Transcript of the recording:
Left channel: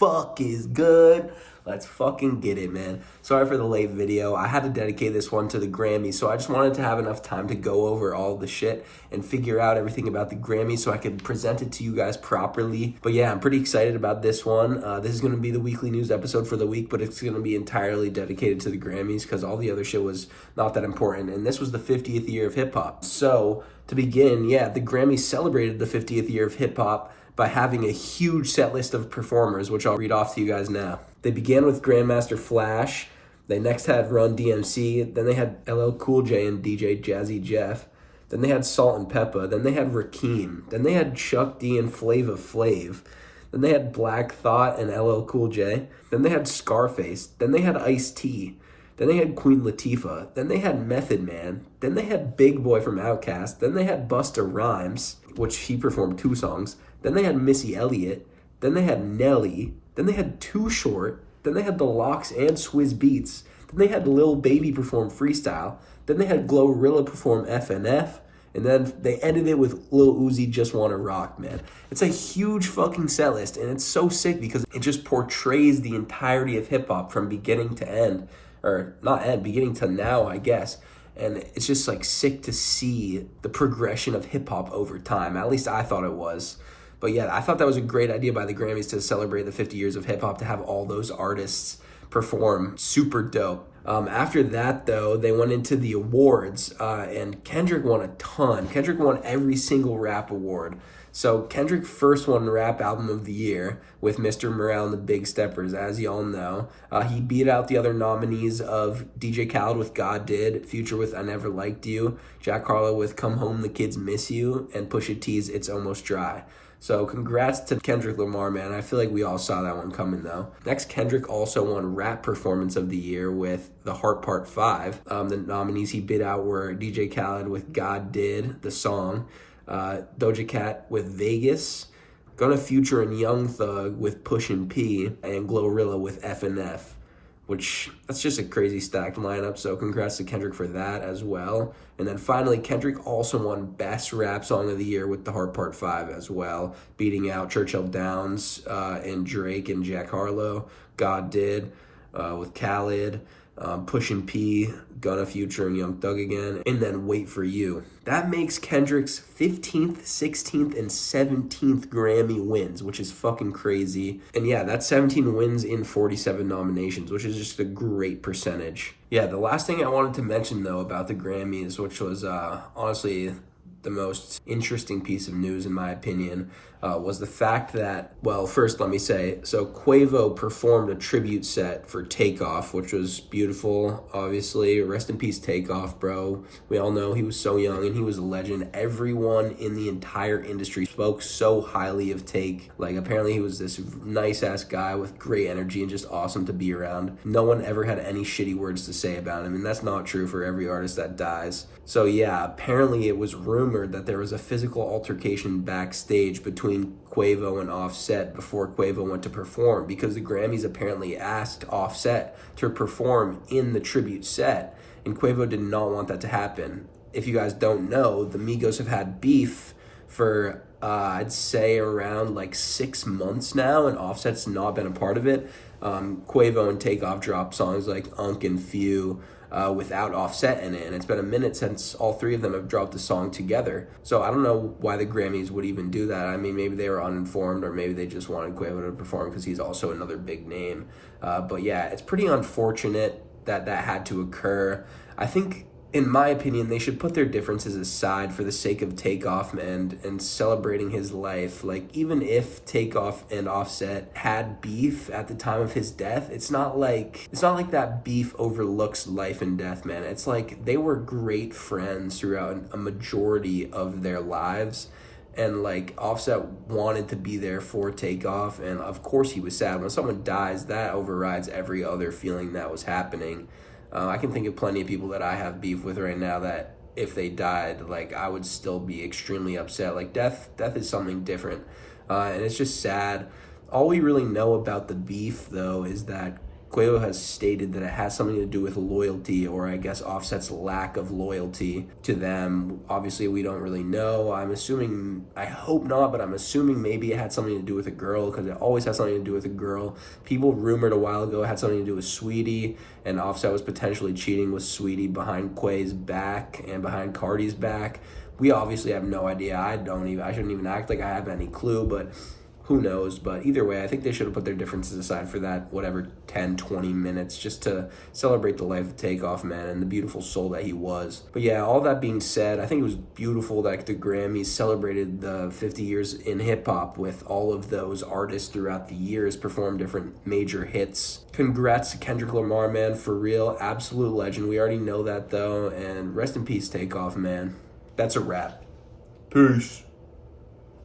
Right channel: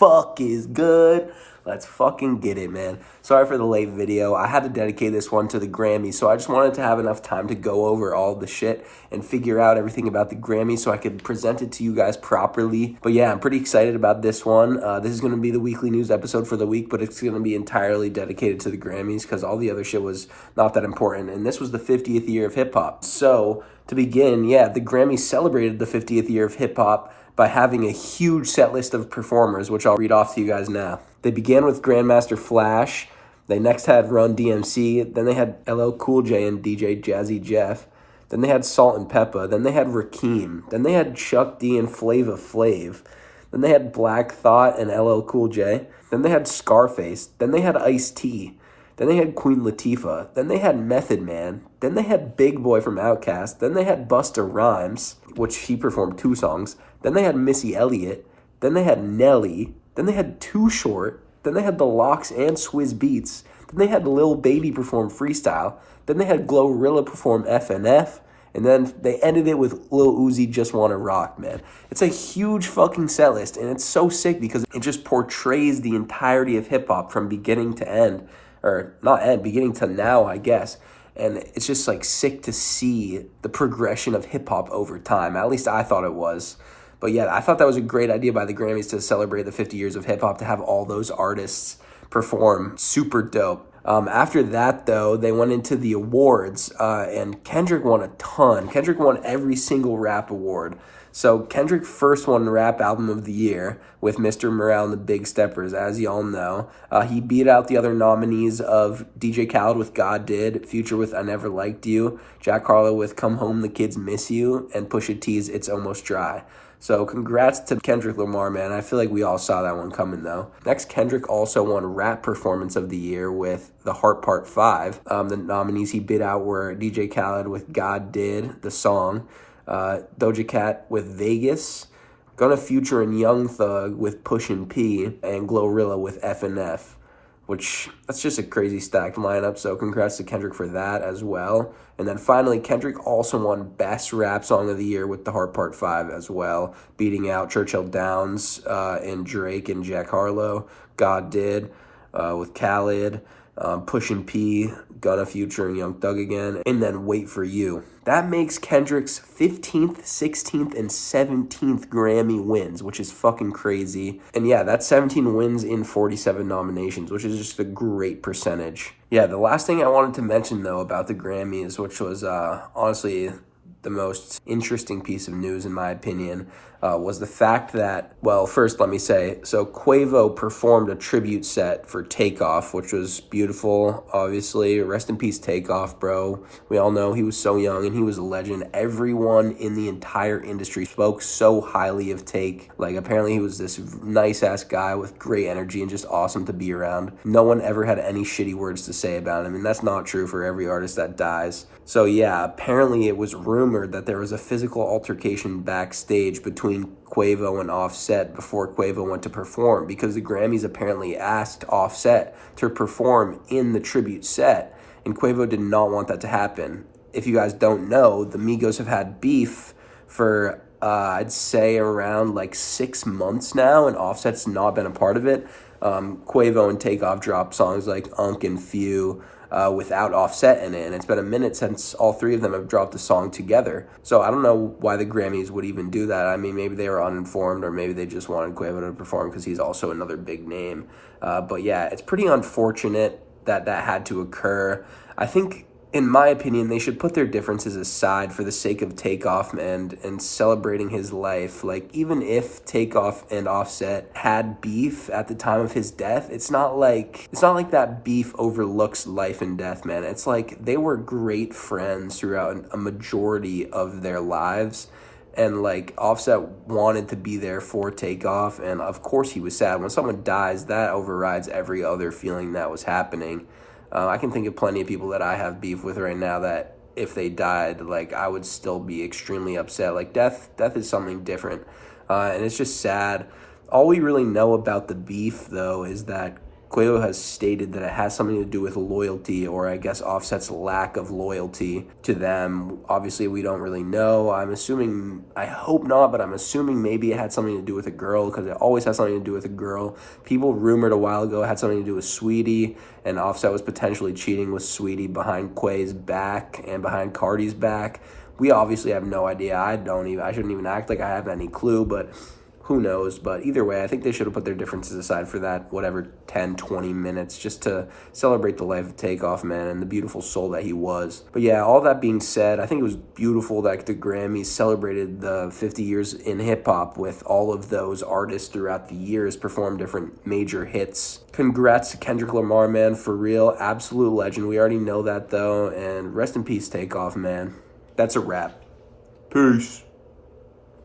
fuck is good? Let's fucking get it, man. Sorry for the late video. I had to dedicate this one to the Grammys, so I just wanted to have enough time to go over all the shit and figure out everything about the Grammys so I could present it to you guys properly. But yeah, I'm pretty excited about this one. This is going to be the weekly news episode for the week, but it's going to be entirely dedicated to the Grammys because all the other shit was not that important. And this was the 50th year of hip-hop. So to begin, yeah, the Grammys celebrated the 50th year of hip-hop by having a huge set list of performers, which I'll read off to you guys now. They began with Grandmaster Flash. They next had Run DMC. Then they had LL Cool J and DJ Jazzy Jeff. Then they had Salt and Peppa. Then they had Rakim. Then they had Chuck D and Flava Flav. Then they had Black Thought and LL Cool J. Then they had Scarface. Then they had Ice-T. Then they had Queen Latifah. Then they had Method Man. Then they had Big Boy from Outkast. Then they had Busta Rhymes, which he performed 2 songs. Then they had Missy Elliott. Then they had Nelly. Then they had Too Short. Then they had The Lox and Swizz Beatz. Then they had Lil Baby perform Freestyle. Then they had Glorilla perform FNF. And then they ended it with Lil Uzi Just Wanna Rock, man. It's a huge fucking set list, and it's so sick because it just portrays the entirety of hip-hop from beginning to end. Or not end, beginning to now, I guess. And it's just like sick to see the progression of hip-hop over time. At least I thought it was. But yeah, I thought that was a great idea by the Grammys to celebrate the 50 years of hip-hop, to have all those artists perform. Super dope. After that, though, they went into the awards, and Kendrick won a ton. Kendrick won every single rap award. So Kendrick first won Rap Album of the Year with Mr. Morale and the Big Steppers, as y'all know. He beat out the other nominees of DJ Khaled with God Did, Future with I Never Liked You, Jack Harlow with Come Home, The Kids Miss You, and Pusha T's It's Almost Dry. So congrats to Kendrick Lamar, man. I feel like we all saw that one coming, though. Next, Kendrick also won Rap Performance of the Year with The Heart Part 5. The nominees he bid out were DJ Khaled with God Did, the song, Doja Cat with Vegas, Gunna Future and Young Thug with Pushin' P, and Glorilla with FNF, which that's just a crazy stacked lineup, so congrats to Kendrick for that as well. And then finally, Kendrick also won Best Rap Song of the Year with The Heart Part 5 as well, beating out Churchill Downs and Drake and Jack Harlow. God Did with Khaled, Pushin' P, Gunna Future, and Young Thug again, and then Wait For You. That makes Kendrick's 15th, 16th, and 17th Grammy wins, which is fucking crazy. And yeah, that's 17 wins in 47 nominations, which is just a great percentage. Yeah, the last thing I wanted to mention, though, about the Grammys, which was honestly the most interesting piece of news in my opinion, was the fact that, well, first let me say, so Quavo performed a tribute set for Takeoff, which was beautiful, obviously. Rest in peace, Takeoff, bro. We all know he was so young and he was a legend. Everyone in the entire industry spoke so highly of Take. Like, apparently he was this nice-ass guy with great energy and just awesome to be around. No one ever had any shitty words to say about him, and that's not true for every artist that dies. So yeah, apparently it was rumored that there was a physical altercation backstage between Quavo and Offset before Quavo went to perform, because the Grammys apparently asked Offset to perform in the tribute set, and Quavo did not want that to happen. If you guys don't know, the Migos have had beef for I'd say around like 6 months now, and Offset's not been a part of it. Quavo and Takeoff dropped songs like Unk and Few without Offset in it, and it's been a minute since all 3 of them have dropped a song together. So I don't know why the Grammys would even do that. I mean, maybe they were uninformed, or maybe they just wanted Quavo to perform because he's also another big name. But yeah, it's pretty unfortunate that that had to occur. I think, in my opinion, they should put their differences aside for the sake of Takeoff and celebrating his life. Like, even if Takeoff and Offset had beef at the time of his death, it's not like that beef overlooks life and death, man. It's like they were great friends throughout a majority of their lives. And like, Offset wanted to be there for Takeoff, and of course he was sad. When someone dies, that overrides every other feeling that was happening. I can think of plenty of people that I have beef with right now that if they died, like, I would still be extremely upset. Like, death is something different, and it's just sad. All we really know about the beef, though, is that Quavo has stated that it has something to do with loyalty, or I guess Offset's lack of loyalty to them. Obviously, we don't really know. I'm assuming, I hope not, but I'm assuming maybe it had something to do with a girl, because it always has something to do with a girl. People rumored a while ago it had something to do with Sweetie, and Offset was potentially cheating with Sweetie behind Quay's back and behind Cardi's back. We obviously have no idea. I shouldn't even act like I have any clue, but who knows? But either way, I think they should have put their differences aside for that, whatever, 10, 20 minutes, just to celebrate the life of Takeoff, man, and the beautiful soul that he was. But yeah, all that being said, I think it was beautiful that the Grammys celebrated the 50 years in hip-hop with all of those artists throughout the years perform different major hits. Congrats to Kendrick Lamar, man, for real. Absolute legend. We already know that, though, and rest in peace, Takeoff, man. That's a wrap. Peace.